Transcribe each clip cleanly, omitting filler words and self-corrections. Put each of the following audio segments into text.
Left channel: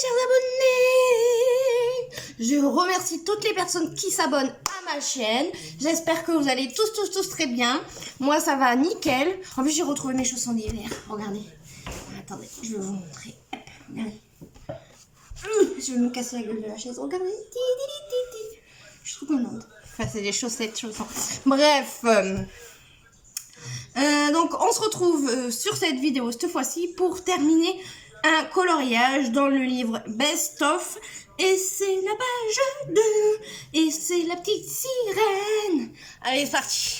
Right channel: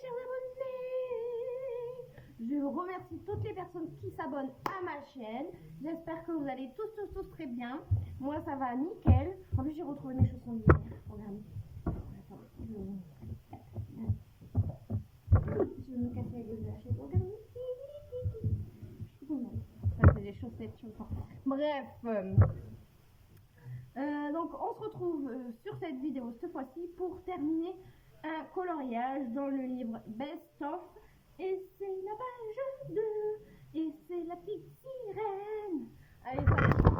chers abonnés! Je remercie toutes les personnes qui s'abonnent à ma chaîne. J'espère que vous allez tous très bien. Moi, ça va nickel. En plus, j'ai retrouvé mes chaussons d'hiver. Regardez. Attendez, je vais vous montrer. Regardez. Je vais me casser la gueule de la chaise. Regardez. Je suis trop contente. Enfin, c'est des chaussettes, chaussons. Bref. Donc, on se retrouve sur cette vidéo cette fois-ci pour terminer un coloriage dans le livre Best of. Et c'est la page 2. Et c'est la petite sirène. Allez, c'est parti.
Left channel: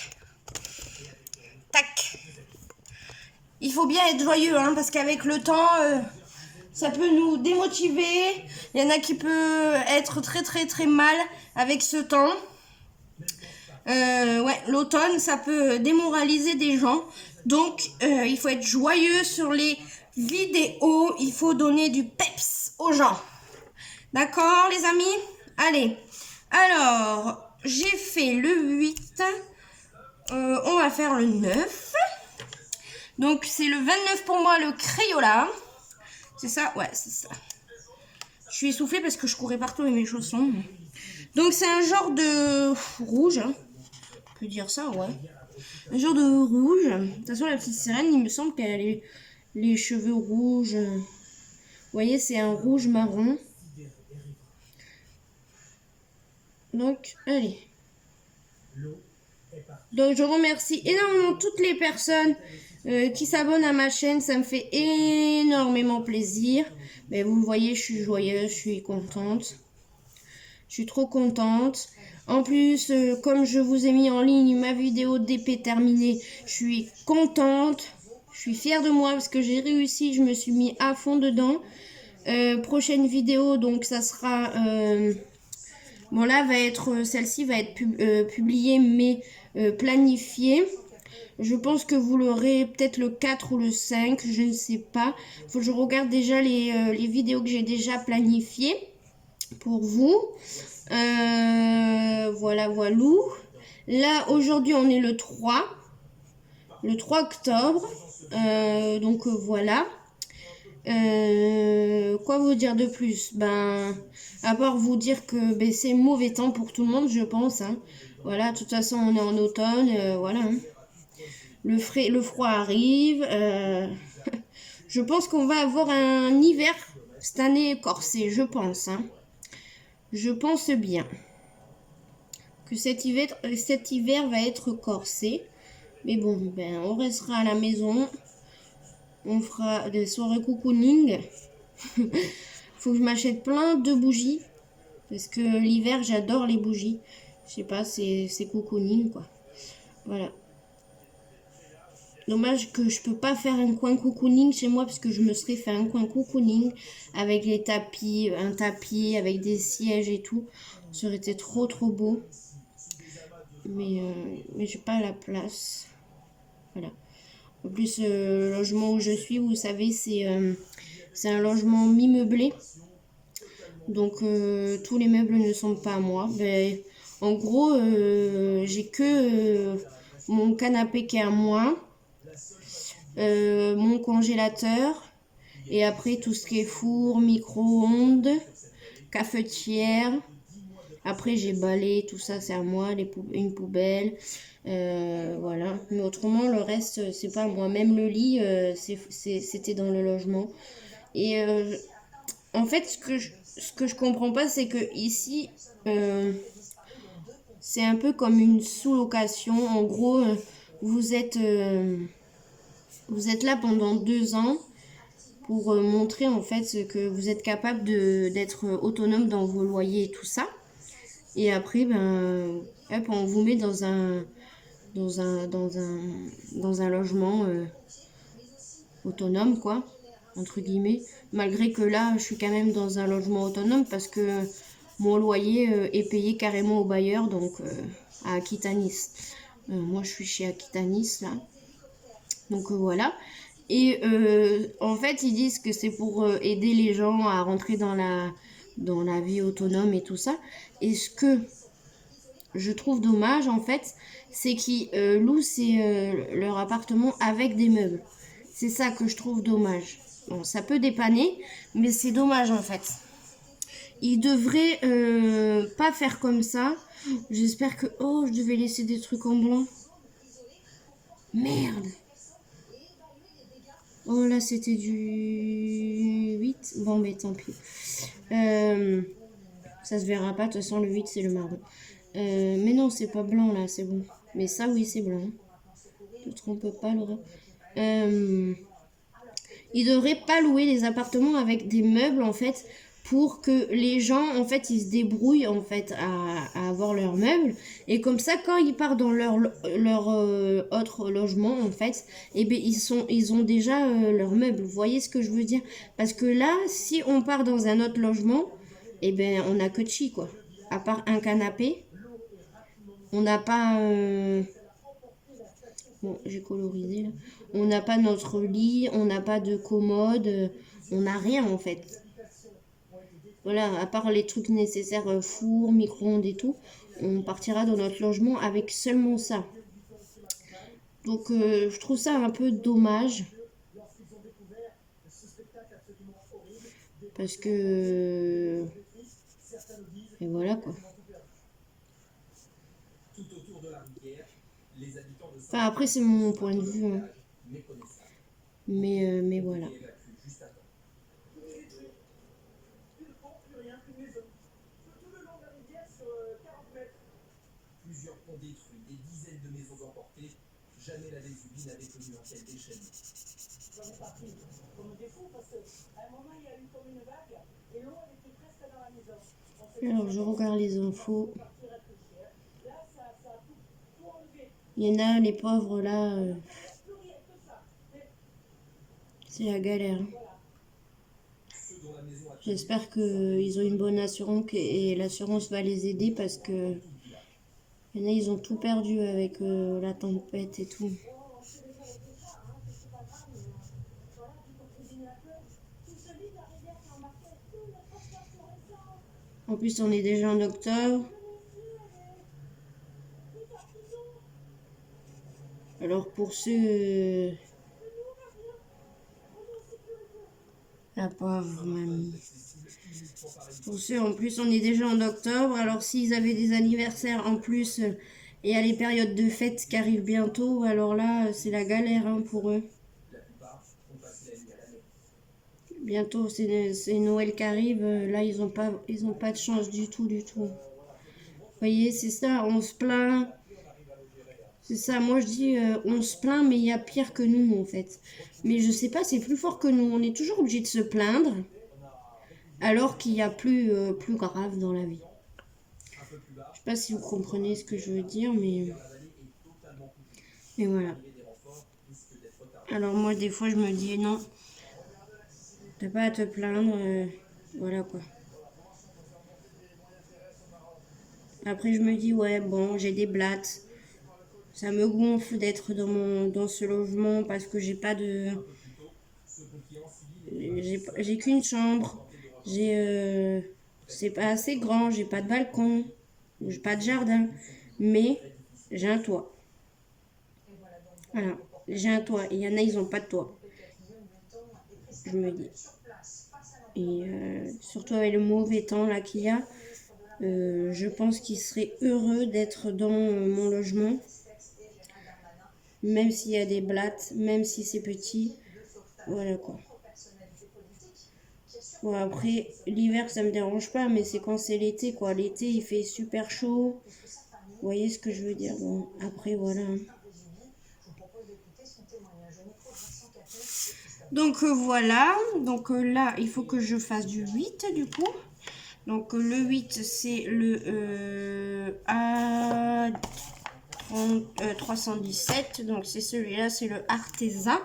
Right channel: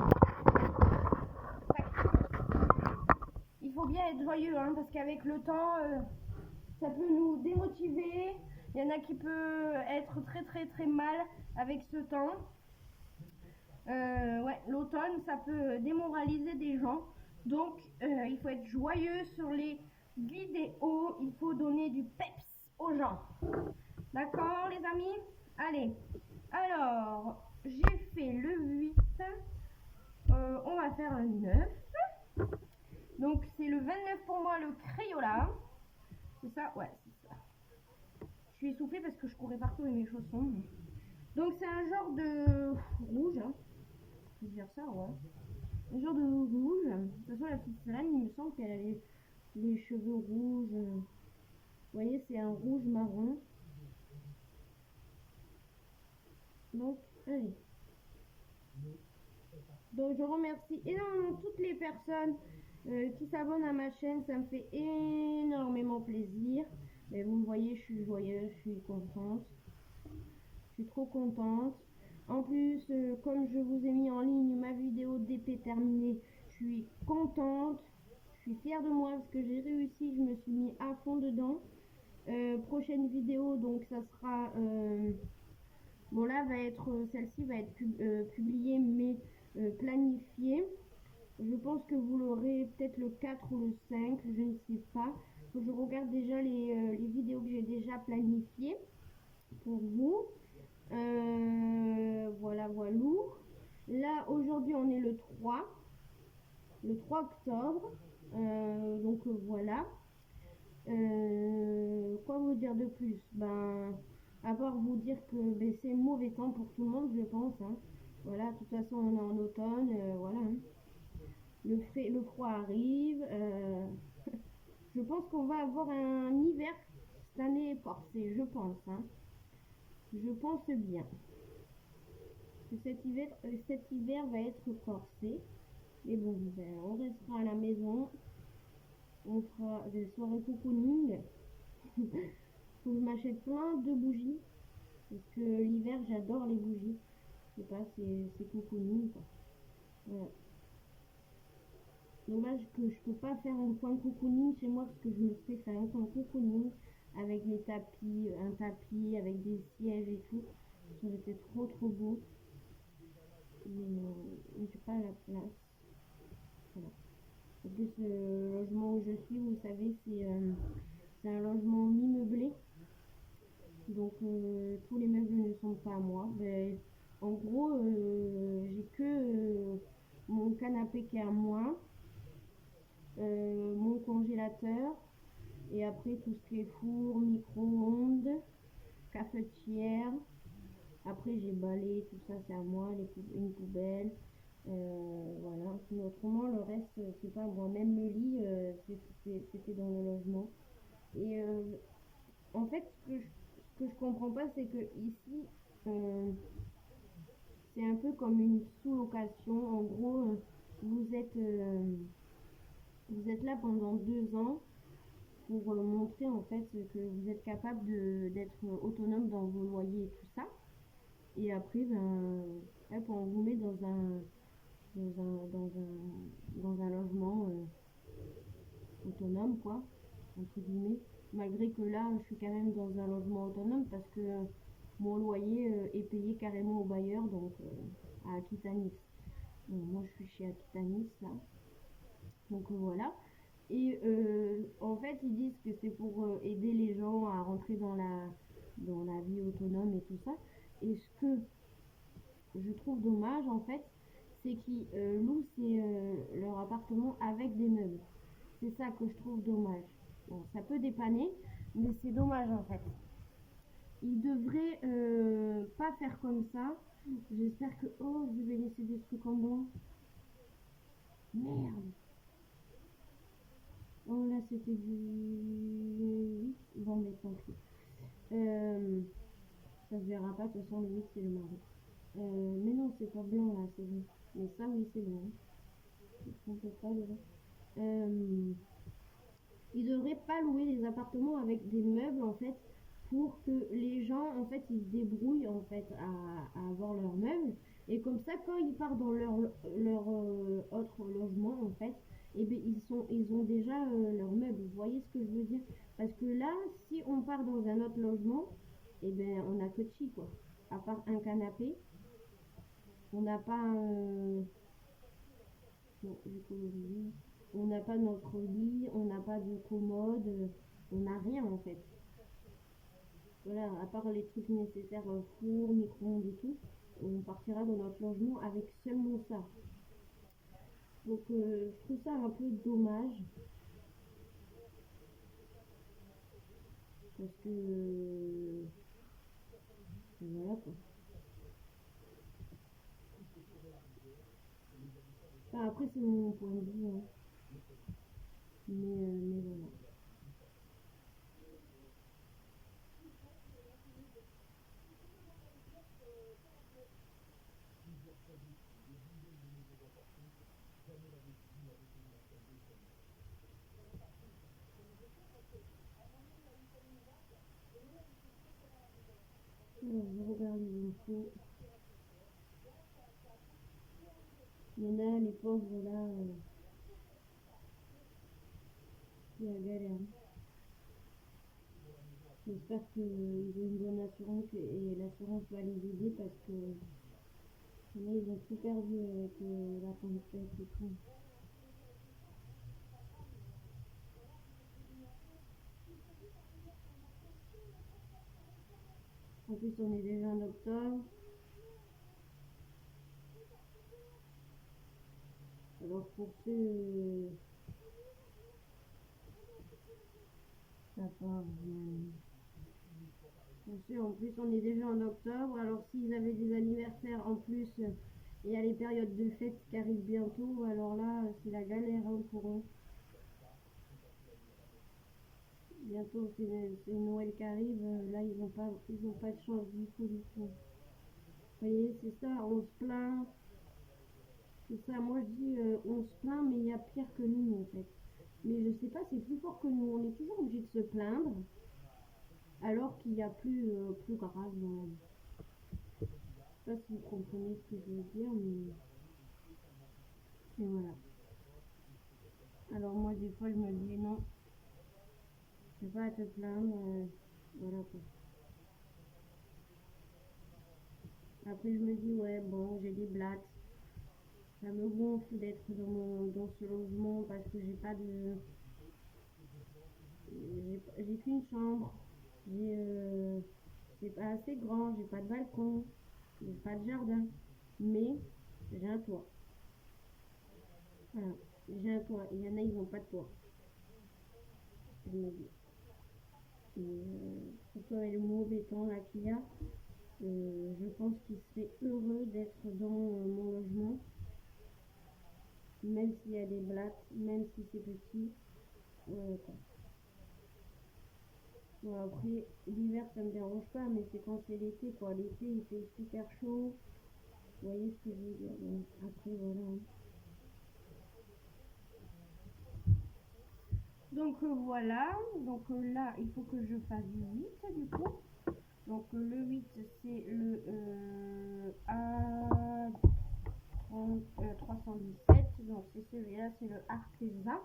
Tac. Il faut bien être joyeux, hein, parce qu'avec le temps, ça peut nous démotiver. Il y en a qui peut être très mal avec ce temps. Ouais, l'automne, ça peut démoraliser des gens. Donc, il faut être joyeux sur les vidéos. Il faut donner du peps aux gens. D'accord, les amis? Allez. Alors, j'ai fait le 8. On va faire le 9. Donc, c'est le 29 pour moi, le Crayola. C'est ça? Ouais, c'est ça. Je suis essoufflée parce que je courais partout avec mes chaussons. Donc, c'est un genre de rouge, hein. On peut dire ça, ouais. Un genre de rouge. De toute façon, la petite sirène, il me semble qu'elle a les cheveux rouges. Vous voyez, c'est un rouge marron. Donc, allez. Donc, je remercie énormément toutes les personnes qui s'abonnent à ma chaîne. Ça me fait énormément plaisir. Mais vous voyez, je suis joyeuse, je suis contente. Je suis trop contente. En plus, comme je vous ai mis en ligne ma vidéo d'épée terminée, je suis contente. Je suis fière de moi parce que j'ai réussi. Je me suis mis à fond dedans. Prochaine vidéo, donc ça sera... bon là, celle-ci va être publiée mais planifiée. Je pense que vous l'aurez peut-être le 4 ou le 5, je ne sais pas. Faut que je regarde déjà les vidéos que j'ai déjà planifiées pour vous. Voilà. Là, aujourd'hui, on est le 3 octobre. Donc, voilà. Quoi vous dire de plus? Ben, à part vous dire que c'est mauvais temps pour tout le monde, je pense. Hein. Voilà, de toute façon, on est en automne. Voilà. Hein. Le froid arrive. Je pense qu'on va avoir un hiver cette année corsé, je pense. Hein. Je pense bien que cet hiver va être corsé. Mais bon, on restera à la maison. On fera des soirées cocooning. Faut que je m'achète plein de bougies. Parce que l'hiver, j'adore les bougies. Je sais pas, c'est cocooning, quoi. Voilà. Dommage que je peux pas faire un coin cocooning chez moi parce que je me serais fait un coin cocooning avec les tapis, un tapis avec des sièges et tout. Ça aurait été trop beau. Mais j'ai pas la place. Voilà. En plus, le logement où je suis, vous savez, c'est un logement mi-meublé. Donc, tous les meubles ne sont pas à moi. En gros, j'ai que mon canapé qui est à moi. Mon congélateur et après tout ce qui est four, micro-ondes, cafetière. Après j'ai balai, tout ça c'est à moi, une poubelle, voilà. Mais autrement le reste c'est pas à moi. Même le lit c'était dans le logement. Et en fait ce que je comprends pas c'est que ici c'est un peu comme une sous-location. En gros vous êtes là pendant 2 ans pour montrer en fait que vous êtes capable d'être autonome dans vos loyers et tout ça. Et après, hop, on vous met dans un logement autonome, quoi, entre guillemets. Malgré que là, je suis quand même dans un logement autonome parce que mon loyer est payé carrément au bailleur, donc à Aquitanis. Moi, je suis chez Aquitanis, là. Donc voilà. Et en fait, ils disent que c'est pour aider les gens à rentrer dans la vie autonome et tout ça. Et ce que je trouve dommage, en fait, c'est qu'ils louent leur appartement avec des meubles. C'est ça que je trouve dommage. Bon, ça peut dépanner, mais c'est dommage en fait. Il devrait pas faire comme ça. J'espère que... Oh, je devais laisser des trucs en blanc. Merde. Oh là, c'était du 8. Bon, mais tant pis. Ça se verra pas. De toute façon, le 8, c'est le marron. Mais non, c'est pas blanc là, c'est bon. Mais ça, oui, c'est blanc. D'autres, on peut pas le... Ils devraient pas louer les appartements avec des meubles en fait pour que les gens en fait ils se débrouillent en fait à avoir leurs meubles et comme ça quand ils partent dans leur autre logement en fait et ben ils ont déjà leurs meubles. Vous voyez ce que je veux dire? Parce que là si on part dans un autre logement et ben on a que de chi quoi. À part un canapé, on n'a pas bon, j'ai colorisé là. On n'a pas notre lit, on n'a pas de commode, on n'a rien en fait. Voilà, à part les trucs nécessaires, four, micro-ondes et tout, on partira dans notre logement avec seulement ça. Donc je trouve ça un peu dommage. Parce que... Et voilà quoi. Enfin après c'est mon point de vue. Hein. Mais voilà. Alors je regarde les infos. Il y en a les pauvres là. C'est la galère. J'espère qu'ils ont une bonne assurance et l'assurance va les aider parce que il y en a, ils ont tout perdu avec la tempête et tout. En plus, on est déjà en octobre. Alors pour ceux... La pauvre mamie. Pour ceux, en plus, on est déjà en octobre. Alors s'ils avaient des anniversaires en plus et à les périodes de fêtes qui arrivent bientôt, alors là, c'est la galère hein, pour eux. Bientôt, c'est Noël qui arrive. Là, ils ont pas de chance du tout, du tout. Vous voyez, c'est ça, on se plaint. C'est ça, moi je dis, on se plaint, mais il y a pire que nous, en fait. Mais je sais pas, c'est plus fort que nous. On est toujours obligé de se plaindre, alors qu'il y a plus grave dans la vie. Je sais pas si vous comprenez ce que je veux dire, mais voilà. Alors moi, des fois, je me dis, non, t'as pas à te plaindre, voilà quoi. Après, je me dis, ouais, bon, j'ai des blattes. Ça me gonfle d'être dans ce logement parce que j'ai pas de... J'ai qu'une chambre. J'ai... c'est pas assez grand, j'ai pas de balcon, j'ai pas de jardin. Mais j'ai un toit. Voilà. J'ai un toit. Et il y en a, ils ont pas de toit. Je me dis. Et surtout avec le mauvais temps là qu'il y a, je pense qu'ils seraient heureux d'être dans mon logement. Même s'il y a des blattes, même si c'est petit. Voilà quoi. Bon après, l'hiver ça me dérange pas, mais c'est quand c'est l'été quoi. L'été il fait super chaud. Vous voyez ce que je veux dire? Bon, après voilà. Donc voilà, donc là il faut que je fasse du 8 du coup. Donc le 8 c'est le A317, donc c'est celui-là, c'est le Arteza.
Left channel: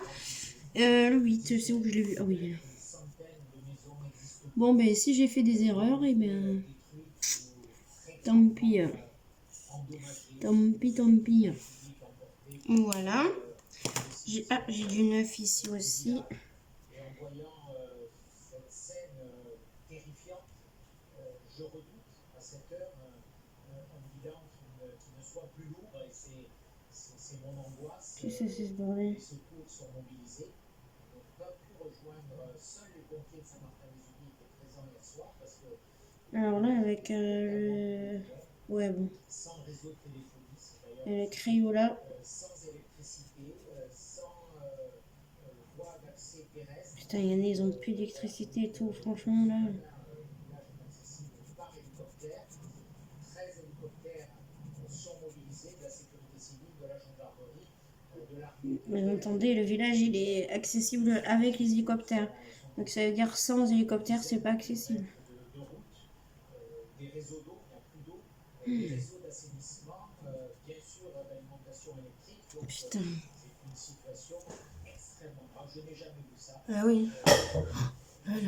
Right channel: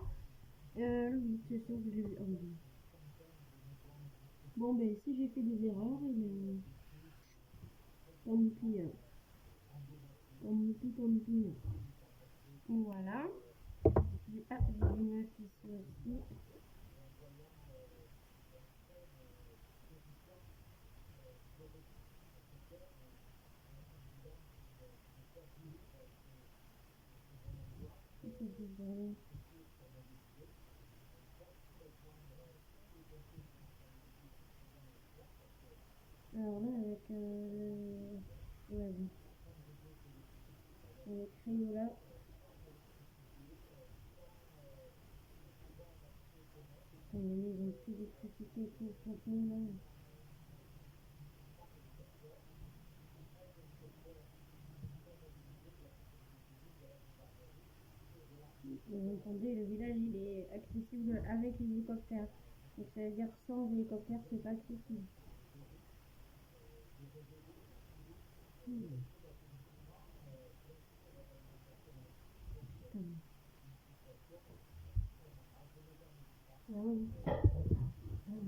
Le 8, c'est où que je l'ai vu? Ah oui. Bon ben si j'ai fait des erreurs, et ben tant pis. Tant pis, tant pis. Voilà. J'ai du 9 ici aussi. Qu'est-ce que c'est ce bordel? Alors là, avec ouais, bon. Le Crayola. Putain, il y en a, ils ont plus d'électricité et tout, franchement, là. Vous entendez, le village, il est accessible avec les hélicoptères. Donc ça veut dire sans hélicoptère, c'est pas accessible. Putain. Ah oui. Voilà.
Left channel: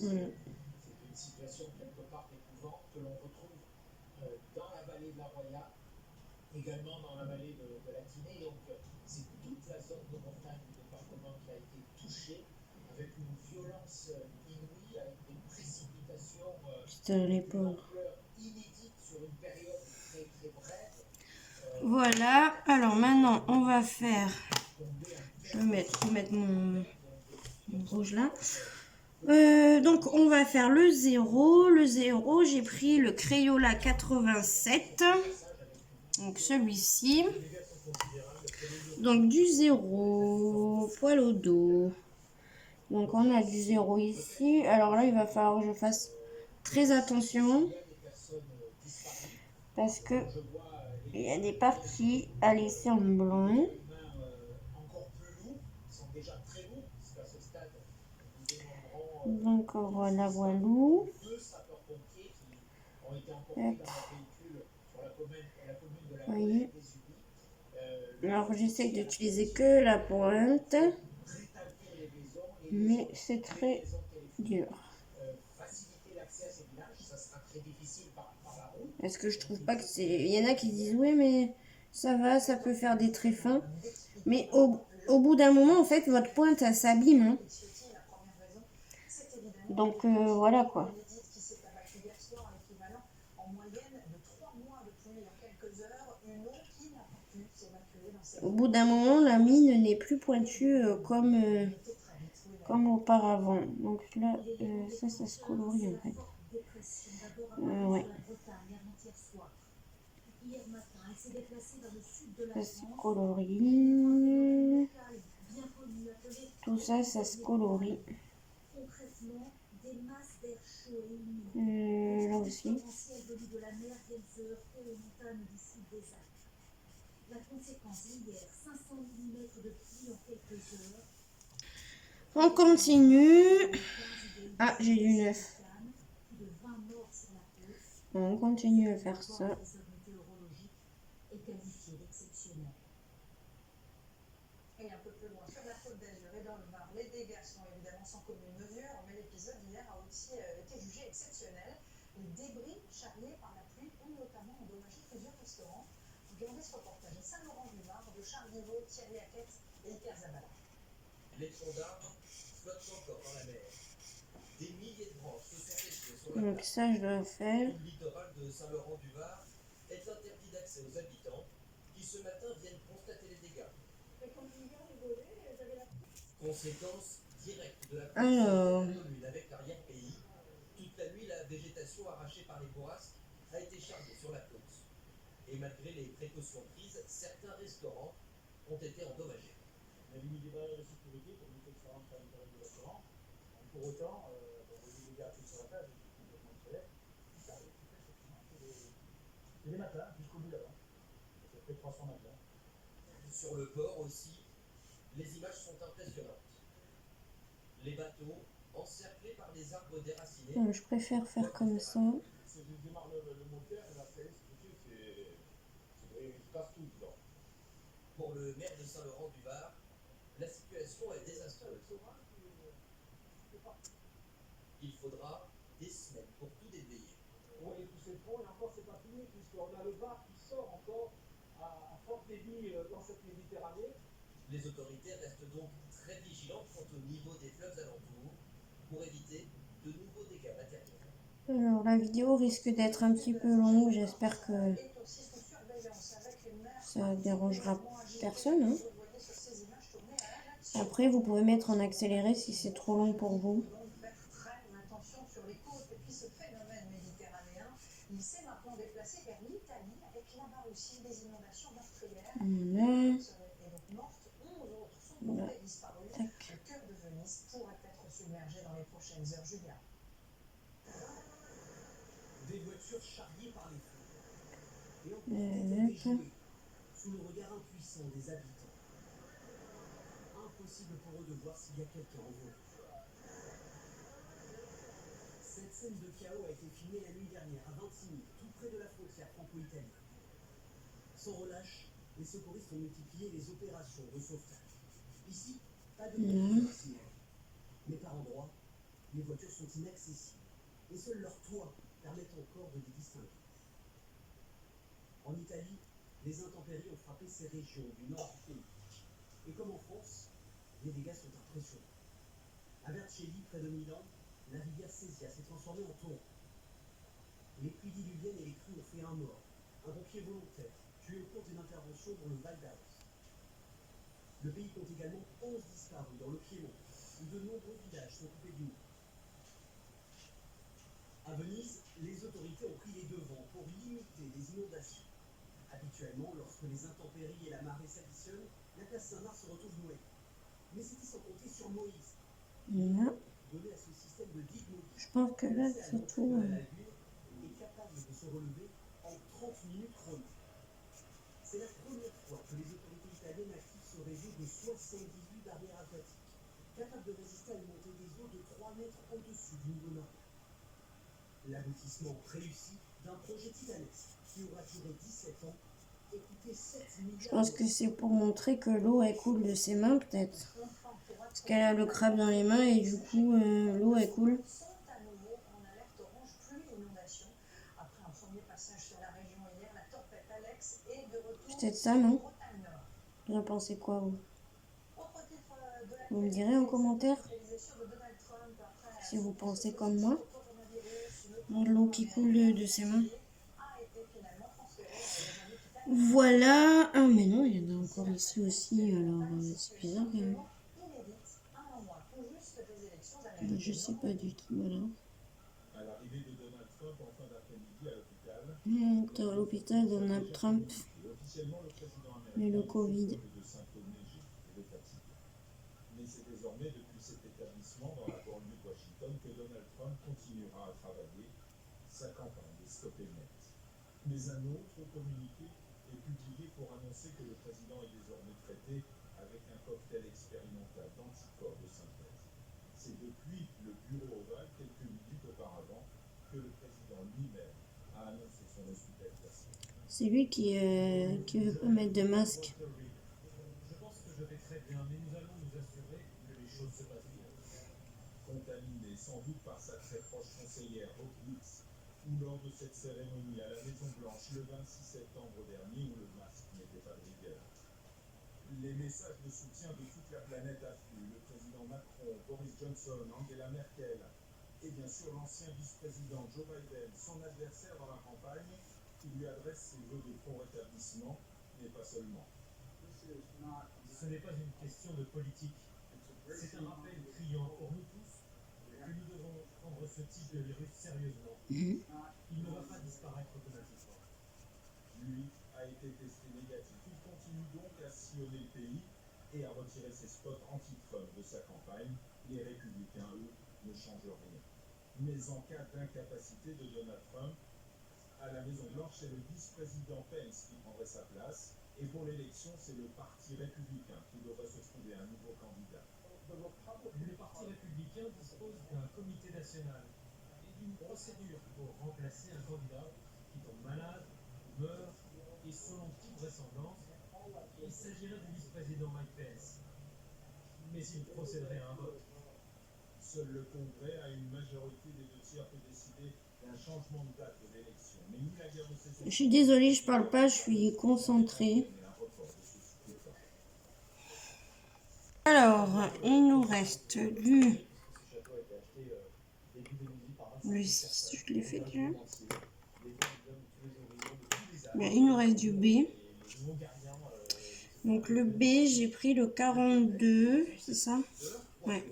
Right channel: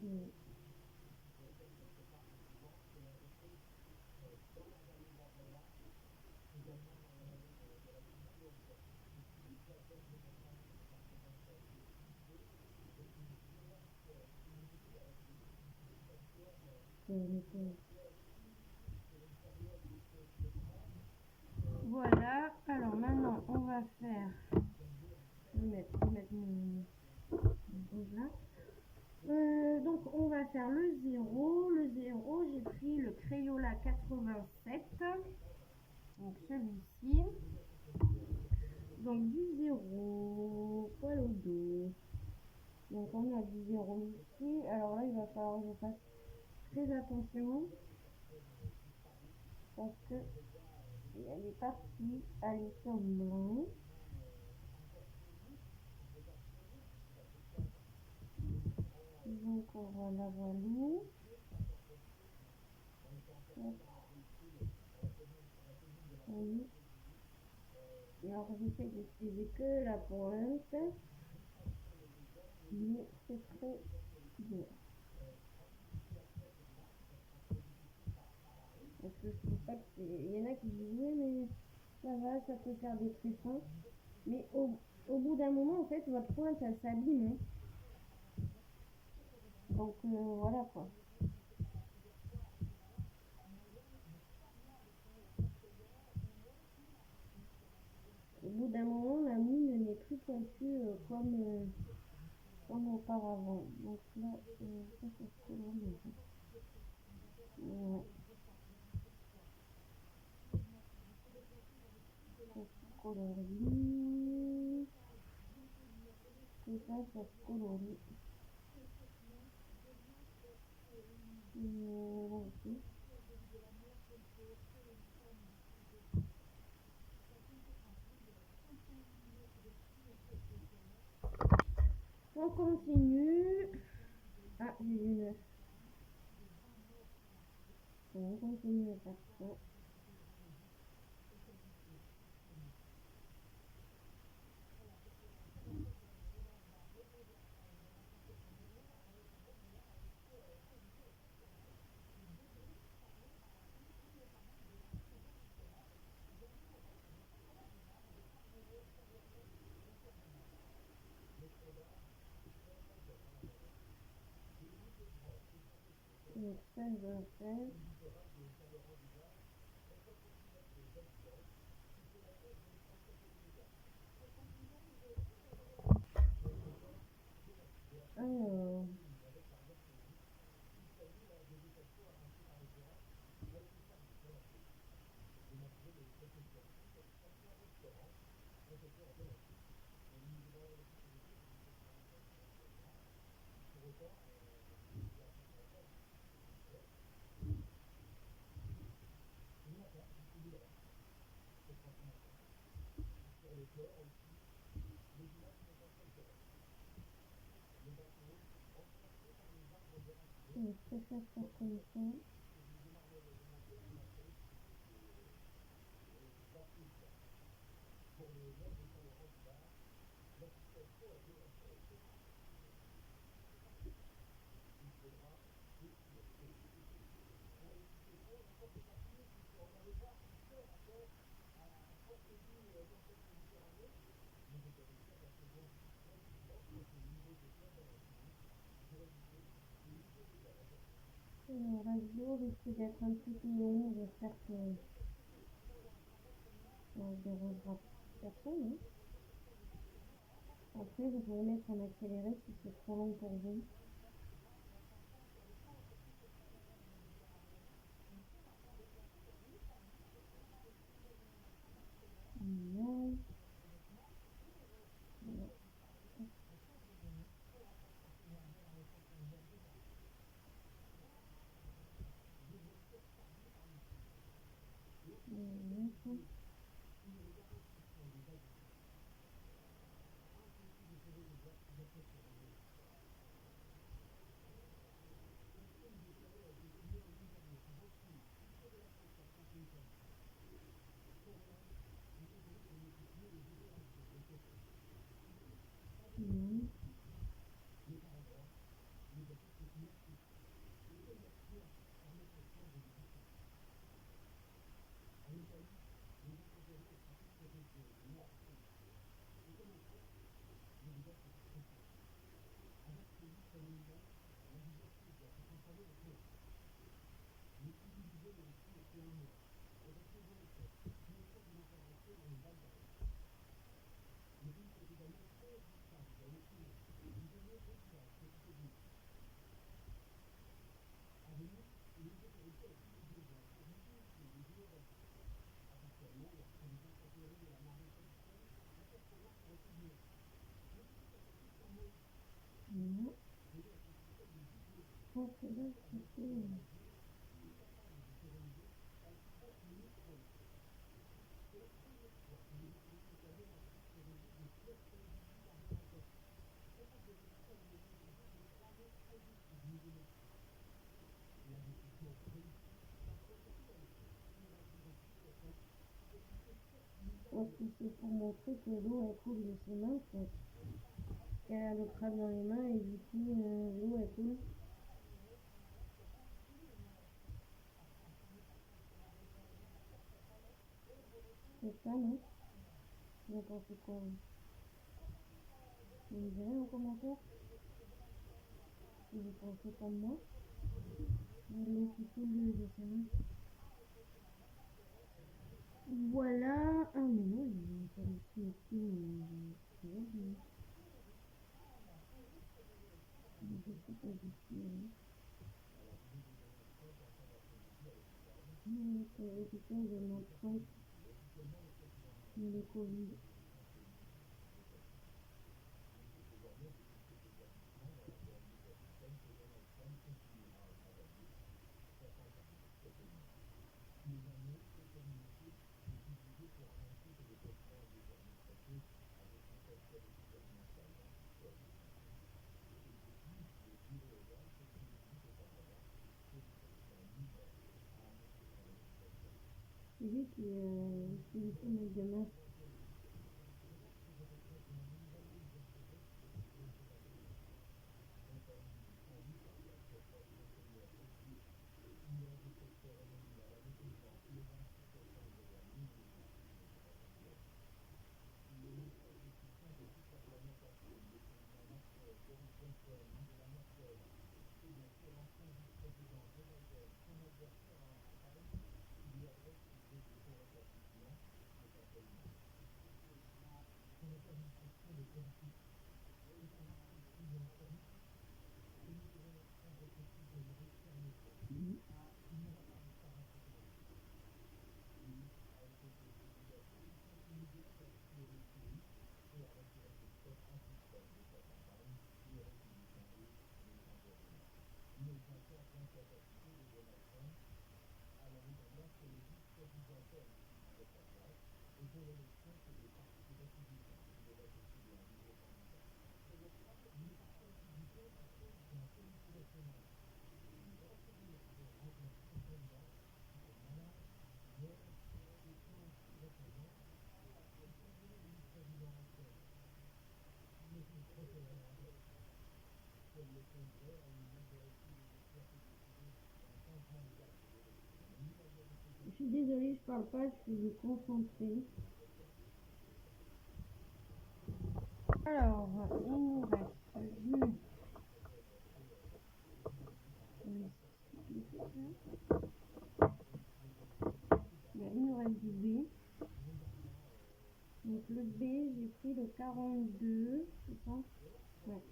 Voilà. Putain, les pauvres. Voilà, alors maintenant on va faire, je vais mettre mon rouge là. Donc on va faire le 0. Le 0, j'ai pris le Crayola 87, donc celui-ci. Donc du 0, poil au dos. Donc on a du 0 ici. Alors là il va falloir que je fasse très attention parce que il y a des parties à laisser en blanc. Donc voilà, voilou. Vous voyez. Alors j'essaie d'utiliser que la pointe, mais c'est très dur. Est-ce que je trouve pas que c'est... Il y en a qui disent oui mais ça va, ça peut faire des traits fins. Mais au bout d'un moment en fait votre pointe elle s'abîme. Hein. Donc voilà quoi. Au bout d'un moment la mine n'est plus pointue comme auparavant. Donc là ça se colorie en fait. Ouais. Ça se colorie. Tout ça, ça se colorie. Là aussi. On continue. Ah, j'ai du 9. On continue à faire ça. Donc ça, je dois faire. Alors, Sur le port aussi, les images sont impressionnantes. Les bateaux encerclés par des arbres déracinés. Je préfère faire comme ça. Pour le maire de Saint-Laurent-du-Var, la situation est désastreuse. Il faudra des semaines pour tout déblayer. Oui, et puis c'est bon, et encore c'est pas fini, puisqu'on a le Var qui sort encore à fort débit dans cette Méditerranée. Les autorités restent donc très vigilantes quant au niveau des fleuves alentours pour éviter de nouveaux dégâts matériels. Alors la vidéo risque d'être un petit peu longue, j'espère que ça dérangera personne, hein. Après vous pouvez mettre en accéléré si c'est trop long pour vous. Voilà. Voilà. Tac. Des voitures charriées par les feux. Et encore dégelées, sous le regard impuissant des habitants. Impossible pour eux de voir s'il y a quelqu'un en voiture. Cette scène de chaos a été filmée la nuit dernière à Vintimille, tout près de la frontière franco-italienne. Sans relâche, les secouristes ont multiplié les opérations de sauvetage. Ici, pas de voiture, mais par endroits, les voitures sont inaccessibles et seuls leurs toits permettent encore de les distinguer. En Italie, les intempéries ont frappé ces régions du nord du pays. Et comme en France, les dégâts sont impressionnants. À Vercelli, près de Milan, la rivière Sesia s'est transformée en torrent. Les pluies diluviennes et les crues ont fait un mort, un pompier volontaire, tué au cours d'une intervention dans le Val d'Aoste. Le pays compte également 11 disparus dans le Piémont, où de nombreux villages sont coupés du monde. À Venise, les autorités ont pris les devants pour limiter les inondations. Habituellement, lorsque les intempéries et la marée s'additionnent, la place Saint-Marc se retrouve noyée. Mais c'était sans compter sur Moïse. Voilà. Donné à ce système de digue mobile, Je pense que là c'est tout. est capable de se relever en 30 minutes chrono. C'est la première fois que les autorités italiennes activent ce réseau de 78 barrières aquatiques, capables de résister à une montée des eaux de 3 mètres au-dessus du niveau normal. L'aboutissement réussi d'un projet titanesque qui aura duré 17 ans et coûté 7 milliards. Je pense que c'est pour montrer que l'eau elle coule de ses mains peut-être. Parce qu'elle a le crabe dans les mains et du coup l'eau elle coule. Peut-être ça, non? Vous en pensez quoi, vous? Vous me direz en commentaire si vous pensez comme moi. L'eau qui coule de ses mains. Voilà. Ah mais non, il y en a encore ici aussi. Alors c'est bizarre quand même. Je sais pas du tout, voilà. À l'arrivée de Donald Trump en fin d'après-midi à l'hôpital. T'es à l'hôpital, Donald Trump. Officiellement, le président Mais le américain Covid. de symptômes légers de fatigue. Mais c'est désormais depuis cet établissement dans la banlieue de Washington que Donald Trump continuera à travailler sa campagne des Stop et Net. Mais un autre communiqué est publié pour annoncer que le président est désormais traité avec un cocktail expérimental d'anticorps de synthèse. C'est depuis le bureau ovale, quelques minutes auparavant, que le président lui-même a annoncé son hospitalisation. C'est lui qui veut pas mettre de masque. Je pense que je vais très bien, mais nous allons nous assurer que les choses se passent bien. Contaminé sans doute par sa très proche conseillère Hawkins, ou lors de cette cérémonie à la Maison-Blanche le 26 septembre dernier où le masque n'était pas de rigueur. Les messages de soutien de toute la planète affluent. Le président Macron, Boris Johnson, Angela Merkel et bien sûr l'ancien vice-président Joe Biden, son adversaire dans la campagne, qui lui adresse ses vœux de prompt rétablissement, mais pas seulement. Ce n'est pas une question de politique. C'est un rappel criant pour nous tous que nous devons prendre ce type de virus sérieusement. Il ne va pas disparaître automatiquement. Lui a été testé négatif. Il continue donc à sillonner le pays et à retirer ses spots anti-Trump de sa campagne. Les républicains, eux, ne changent rien. Mais en cas d'incapacité de Donald Trump, à la Maison-Blanche, c'est le vice-président Pence qui prendrait sa place. Et pour l'élection, c'est le Parti républicain qui devrait se trouver un nouveau candidat. Le Parti républicain dispose d'un comité national et d'une procédure pour remplacer un candidat qui tombe malade, meurt, et selon toute vraisemblance, il s'agirait du vice-président Mike Pence. Mais il procéderait à un vote. Seul le Congrès a une majorité des 2/3 pour décider d'un changement de date de l'élection. Mais ni la guerre de saison. Je suis désolée, je parle pas, je suis concentrée. Alors, il nous reste du Le 6, je l'ai fait déjà. Bien, il nous reste du B. Donc le B, j'ai pris le 42, c'est ça? Ouais.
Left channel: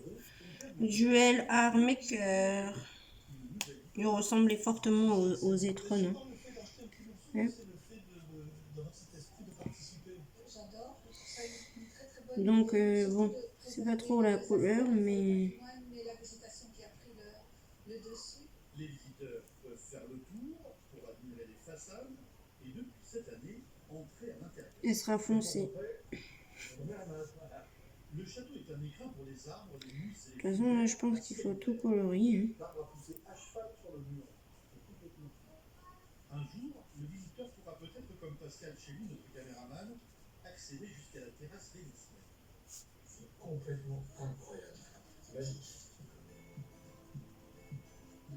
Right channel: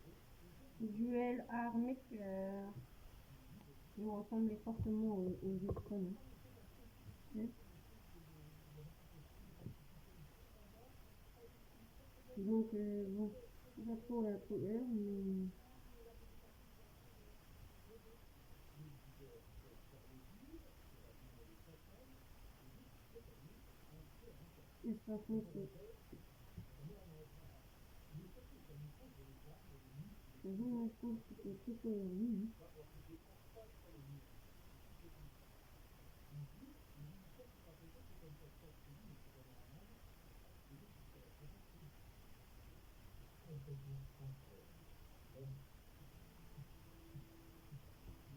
Duel arme cœur. Il ressemblait fortement aux Etron. Hein. Ouais. Donc bon, c'est pas trop la couleur, mais Les visiteurs peuvent faire le tour pour admirer les façades et depuis cette année, entrer à l'intérieur. elle sera foncée. Le château est un écrin pour les arbres, les musées. De toute façon, là, je pense qu'il faut tout colorier. Hein. L'arbre a poussé à cheval sur le mur. Un jour, le visiteur pourra peut-être, comme Pascal Chély, notre caméraman, accéder jusqu'à la terrasse vénitienne. C'est complètement incroyable.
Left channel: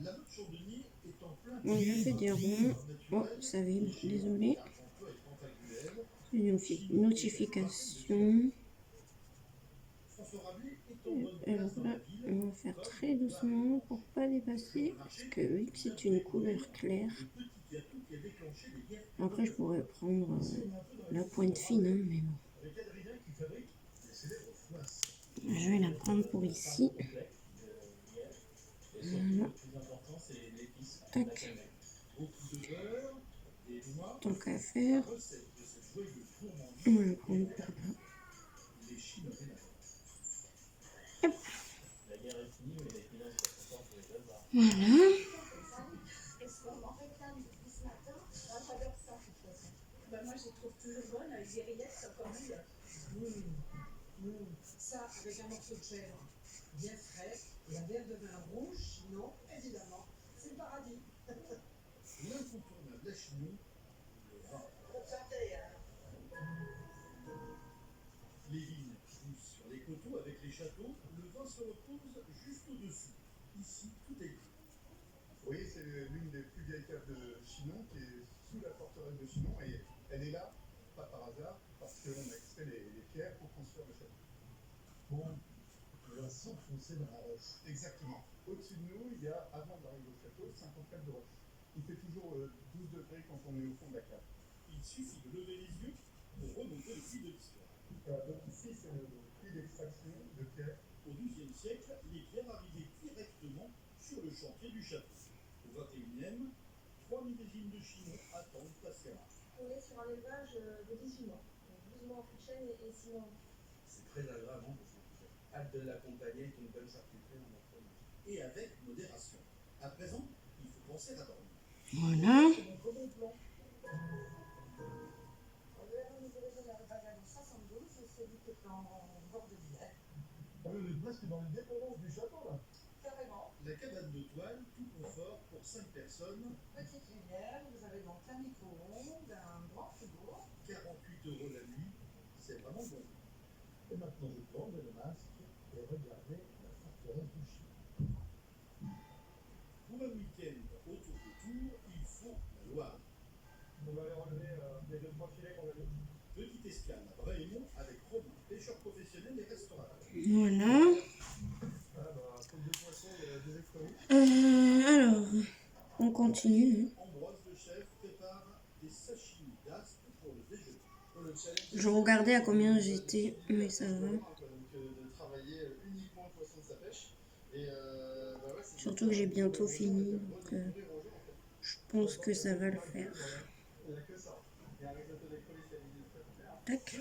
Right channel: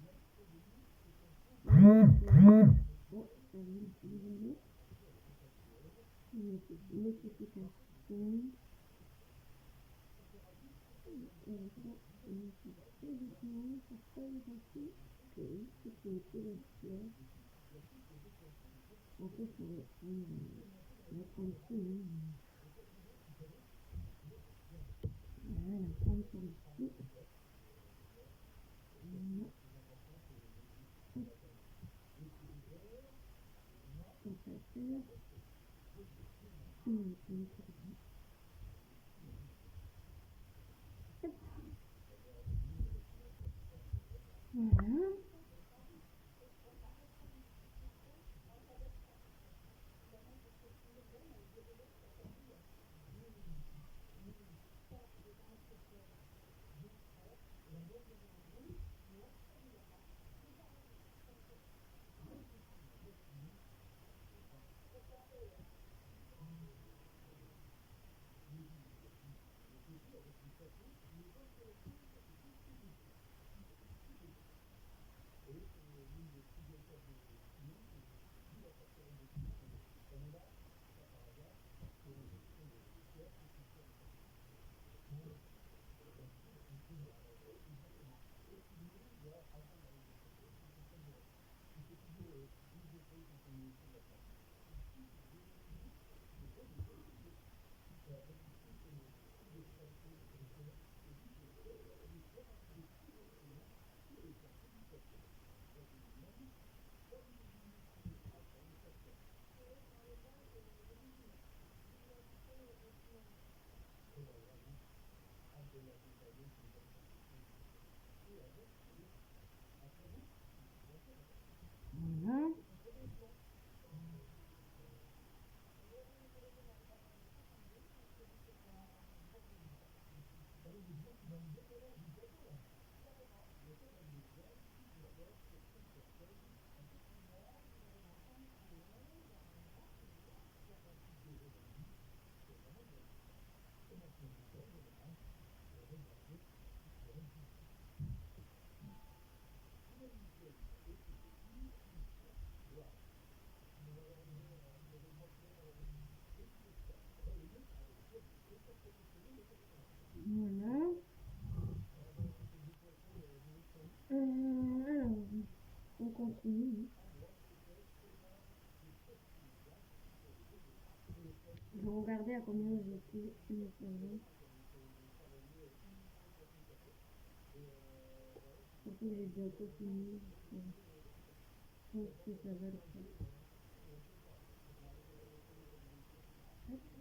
La motte Chandelier est en plein. On a fait des ronds. Oh, ça vibre, désolé. Une notification. Alors là, on va faire très doucement pour pas dépasser. Parce que oui, c'est une couleur claire. Après, je pourrais prendre la pointe fine, hein, mais bon. Je vais la prendre pour ici. Voilà. Tac. Tant qu'à faire, on va la prendre pour là. Hop. Voilà. Moi, je les trouve toujours bonnes avec des rillettes comme meilleures. Ça, avec un morceau de chèvre bien frais et un verre de vin rouge, sinon, évidemment, c'est le paradis. L'incontournable, la chignon, le vin. Les vignes poussent sur les coteaux avec les châteaux, le vin se repose juste au-dessus. Ici, tout est gris. Vous voyez, c'est l'une des plus vieilles caves de Chinon qui est sous la forteresse de Chinon et elle est là, pas par hasard, parce qu'on a extrait les pierres pour construire le château. Bon, on va s'enfoncer dans la roche. Exactement. Au-dessus de nous, il y a, avant d'arriver au château, 50 mètres de roche. Il fait toujours 12 degrés quand on est au fond de la cave. Il suffit de lever les yeux pour remonter le puits de pierre. Donc ici, c'est le puits d'extraction de pierre. Au XIIe siècle, les pierres arrivaient directement sur le chantier du château. Au XXIe, 3 millésines de Chinon attendent patiemment. On est sur un élevage de 18 mois. 12 mois en chêne et 6 mois. C'est très agréable parce que hâte de l'accompagner avec une bonne charcuterie en après. Et avec modération. À présent, il faut penser à dormir. Voilà. On est presque dans les dépendances du château là. Carrément. La cabane de toile, tout confort pour 5 personnes. Petite lumière, vous avez donc un micro-ondes, un grand frigo. 48 € la nuit, c'est vraiment bon. Et maintenant je tourne le masque et regardez la forteresse du chien. Pour un week-end autour de Tours, il faut boire. On va aller enlever les 2-3 filets qu'on a mis. Petite escale à Bréhémont avec Romain, pêcheur professionnel et restaurateur. Voilà. Alors, on continue. Je regardais à combien j'étais, mais ça va. Surtout que j'ai bientôt fini, donc je pense que ça va le faire. Tac.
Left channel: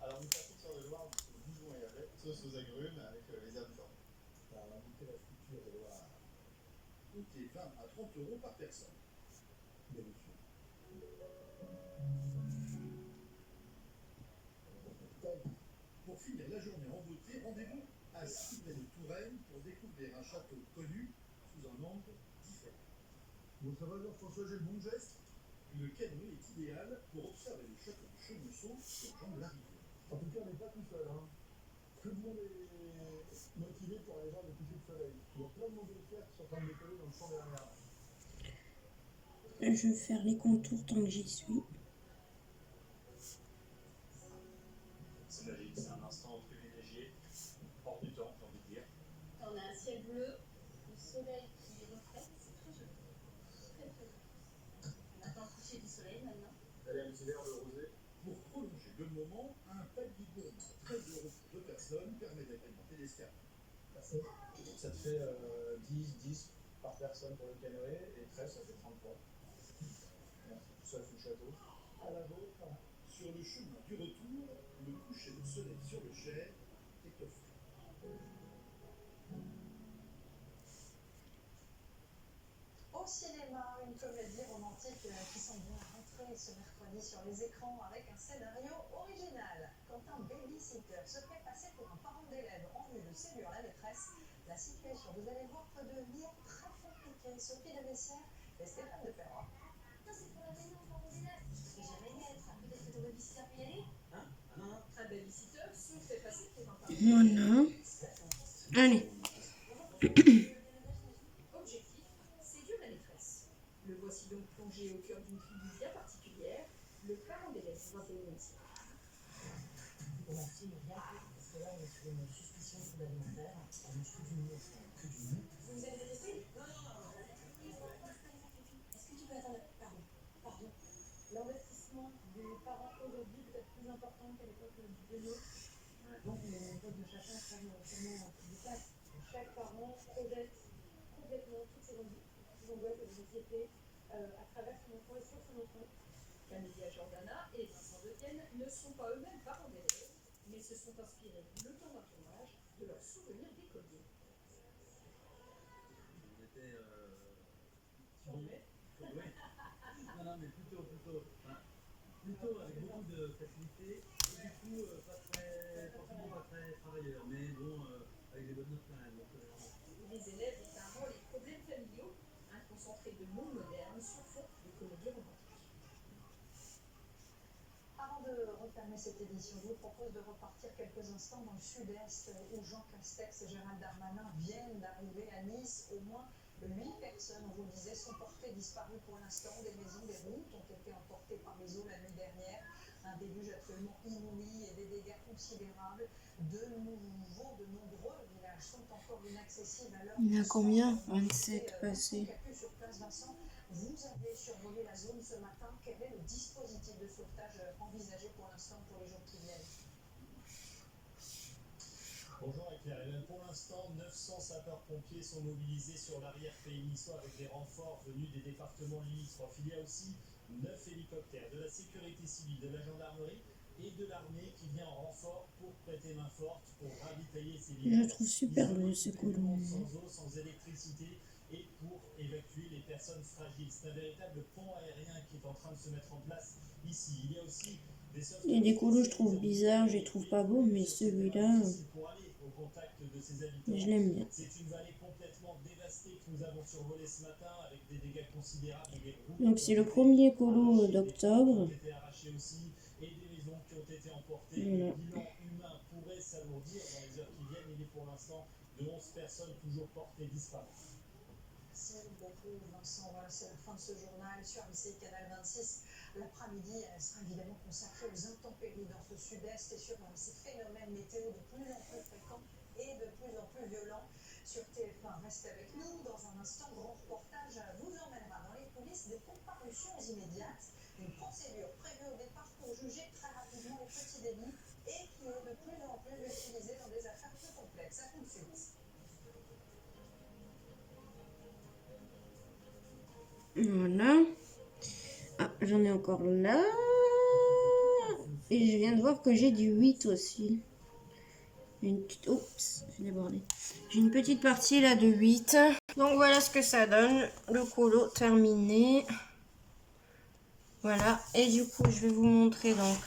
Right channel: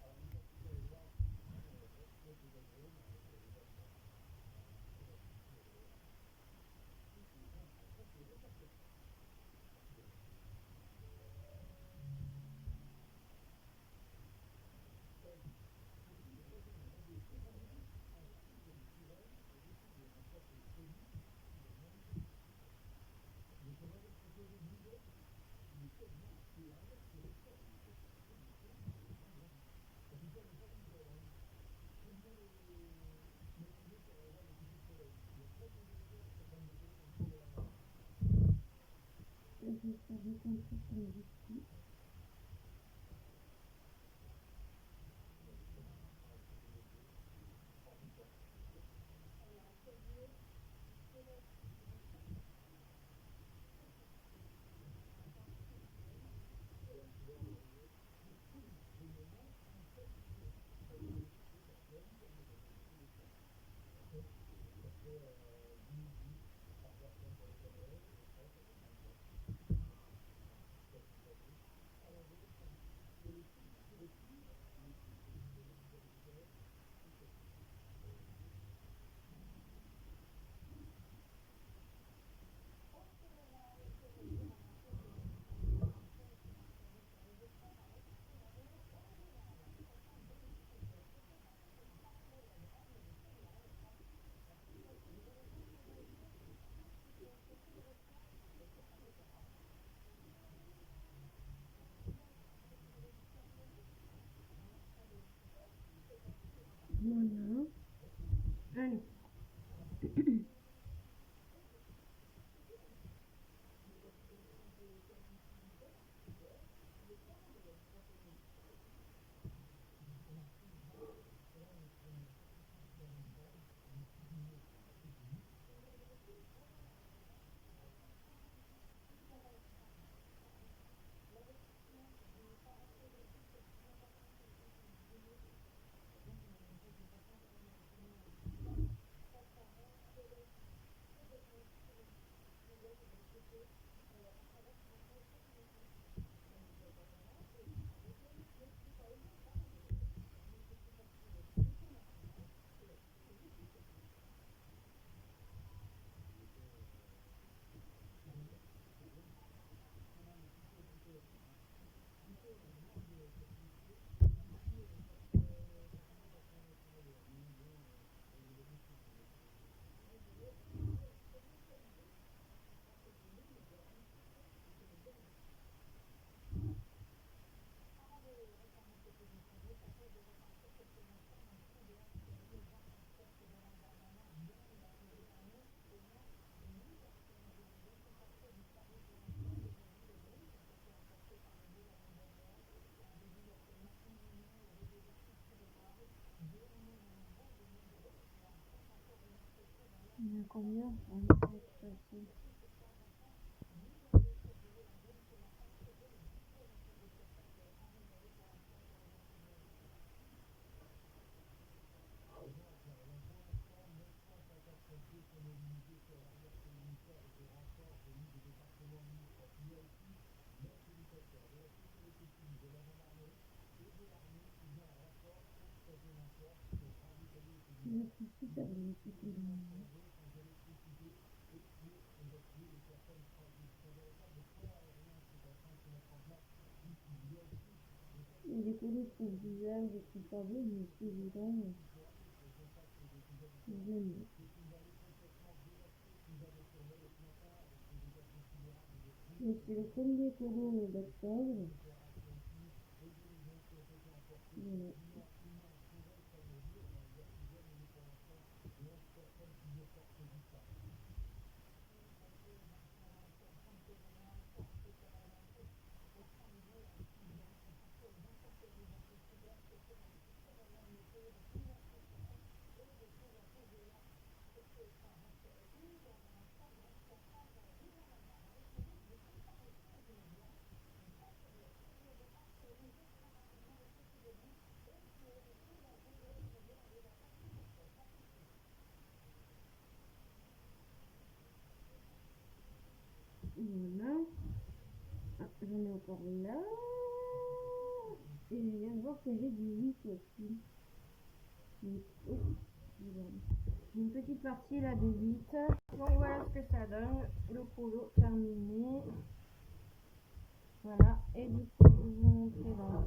Alors, nous passons sur le noir du bouillon et avec sauce aux agrumes avec les habitants. Alors, on a goûté la friture de Loire. Donc, c'est 20 à 30 € par personne. Délicieux. Pour finir la journée en beauté, rendez-vous à Civray-de-Touraine pour découvrir un château connu sous un angle différent. Votre valeur, François, j'ai le bon geste. Le canoë est idéal pour observer le château de Chenonceau sur Jean de la Rivière. En tout cas, on n'est pas tout seul. Hein. Tout le monde est motivé pour aller voir le coucher de soleil. Il y a plein de monde de pierres qui sont en train de décoller dans le champ derrière. Je vais faire les contours tant que j'y suis. Elle aime l'hiver le rosé. Pour prolonger le moment, un palier gourmand très heureux pour deux personnes permet d'agrémenter l'escapade. Ça te fait 10 par personne pour le canoë et 13, ça fait 33. Sauf le château. À la vôtre, sur le chemin du retour, le coucher de soleil sur le Cher est offert. Au cinéma, une comédie romantique qui semble bien rentrer ce mercredi sur les écrans avec un scénario original. Quand un babysitter se fait passer pour un parent d'élève en vue de séduire la maîtresse, la situation, vous allez voir, peut devenir très compliquée. Sophie de Messières et Stéphane de Perrois. Ça, c'est pour la maison de parents d'élèves. Je vais jamais y être. Peut-être que ton babysitter peut y aller. Hein? Ah non, un babysitter se fait passer pour un parent Voilà. Allez. Objectif, séduire la maîtresse. Le voici donc plongé au cœur d'une tribu bien particulière. Le parent d'élève va payer une Merci, bien, parce que là, on est sur une suspicion alimentaire, on mange que du mou, que du mou. Vous avez vérifié? Non, non, non. Est-ce que tu peux attendre? Pardon. L'investissement du parent aujourd'hui peut être plus important qu'à l'époque de nous. Donc, les méthodes de chacun sont vraiment différentes. Chaque parent projette complètement toutes ses angoisses et ses anxiétés à travers son enfant et sur son enfant. Camélia Jordana et Vincent Detienne ne sont pas eux-mêmes parents d'élèves, mais se sont inspirés le temps d'un tournage de leurs souvenirs d'écoliers. On était filmé. Oui. Non, mais plutôt avec beaucoup de facilité. Du coup, forcément pas très travailleur, mais bon, avec des bonnes notes quand même. Les élèves ont un rôle et problèmes familiaux, un concentré de mots modernes sur fond de comédie romantique. Avant de refermer cette édition, je vous propose de repartir quelques instants dans le sud-est où Jean Castex et Gérald Darmanin viennent d'arriver à Nice. Au moins 8 personnes, on vous le disait, sont portées disparues pour l'instant. Des maisons, des routes ont été emportées par les eaux la nuit dernière. Un déluge absolument inouï et des dégâts considérables. De nombreux villages sont encore inaccessibles à l'heure. Il y en a combien? 27 passés. Sur place, Vincent, vous avez survolé la zone ce matin. Quel est le dispositif de sauvetage envisagé pour l'instant pour les jours qui viennent? Bonjour Claire. Pour l'instant, 900 sapeurs-pompiers sont mobilisés sur l'arrière-pays niçois avec des renforts venus des départements limitrophes. Il y a aussi 9 hélicoptères de la sécurité civile, de la gendarmerie et de l'armée qui vient en renfort pour prêter main forte, pour ravitailler ces Je villages. trouve super beau ce colon. Sans eau, sans électricité et pour évacuer les personnes fragiles. C'est un véritable pont aérien qui est en train de se mettre en place ici. Il y a aussi des Il y a des colos je trouve bizarres, je les trouve pas beaux, mais celui-là, pour aller au contact de ces habitants. je l'aime bien. C'est une vallée complètement dévastée que nous avons survolée ce matin avec des dégâts considérables. Donc c'est le premier colo d'octobre. Été arrachés aussi et des maisons qui ont été emportées. Voilà. Le bilan humain pourrait s'alourdir dans les heures qui viennent. Il est pour l'instant de 11 personnes toujours portées disparues. Merci beaucoup, Vincent. Voilà, c'est la fin de ce journal sur ABC Canal 26. L'après-midi sera évidemment consacré aux intempéries dans ce sud-est et sur ces phénomènes météo de plus en plus fréquents et de plus en plus violents. Sur TF1, restez avec nous. Dans un instant, grand reportage vous emmènera dans les coulisses des comparutions immédiates. Une procédure prévue au départ pour juger très rapidement les petits délits et qui est de plus en plus utilisée dans des affaires plus complexes. À tout de suite. Voilà. Ah, j'en ai encore là. Et je viens de voir que j'ai du 8 aussi. Une petite... Oups, j'ai débordé. J'ai une petite partie là de 8. Donc voilà ce que ça donne. Le colo terminé. Voilà. Et du coup, je vais vous montrer donc.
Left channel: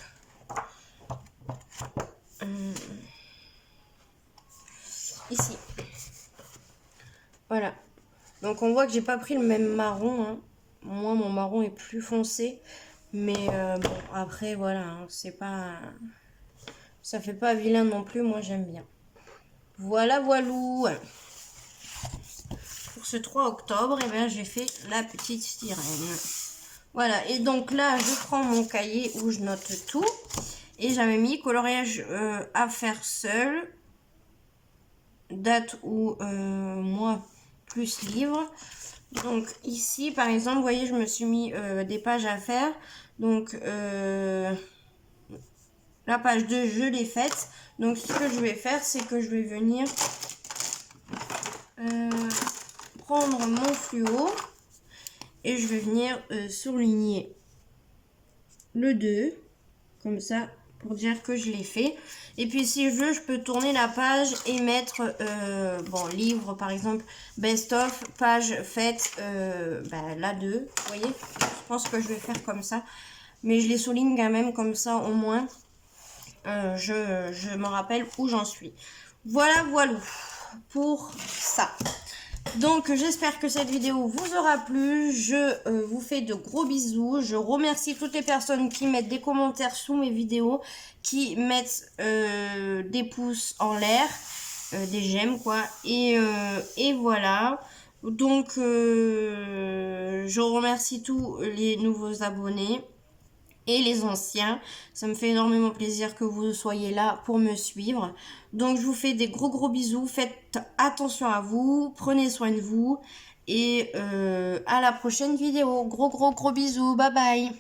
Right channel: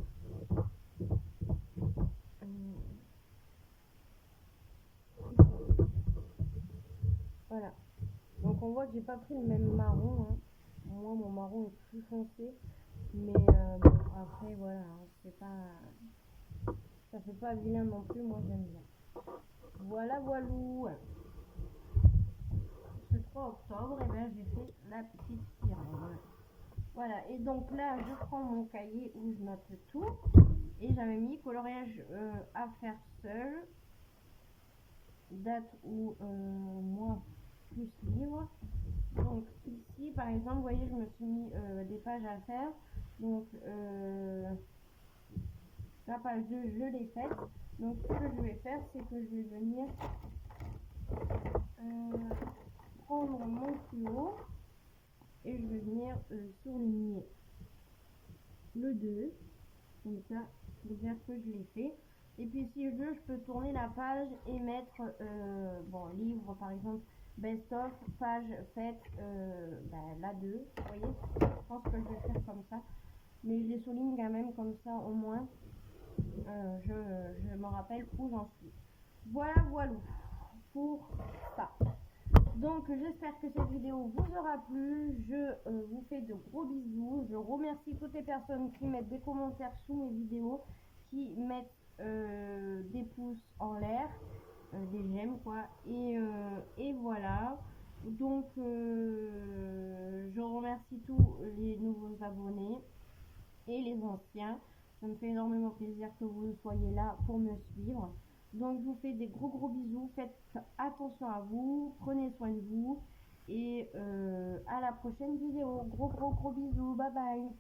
Ici. Voilà. Donc on voit que j'ai pas pris le même marron. Hein. Moi, mon marron est plus foncé. Mais bon, après, voilà. Hein, c'est pas... Ça fait pas vilain non plus. Moi, j'aime bien. Voilà, voilou. Pour ce 3 octobre, eh bien, j'ai fait la petite sirène. Voilà. Et donc là, je prends mon cahier où je note tout. Et j'avais mis coloriage à faire seul. Date ou mois plus livre. Donc ici, par exemple, vous voyez, je me suis mis des pages à faire. Donc la page 2, je l'ai faite. Donc ce que je vais faire, c'est que je vais venir prendre mon fluo et je vais venir surligner le 2, comme ça, pour dire que je l'ai fait. Et puis si je veux, je peux tourner la page et mettre, bon, livre par exemple, best of, page faite, la 2, vous voyez. Je pense que je vais faire comme ça, mais je les souligne quand même, comme ça au moins, je me rappelle où j'en suis. Voilà, voilà pour ça. Donc j'espère que cette vidéo vous aura plu. Je vous fais de gros bisous. Je remercie toutes les personnes qui mettent des commentaires sous mes vidéos, qui mettent des pouces en l'air, des j'aime quoi. Et voilà. Donc je remercie tous les nouveaux abonnés et les anciens. Ça me fait énormément plaisir que vous soyez là pour me suivre. Donc je vous fais des gros bisous. Faites attention à vous. Prenez soin de vous. Et à la prochaine vidéo. Gros bisous. Bye bye.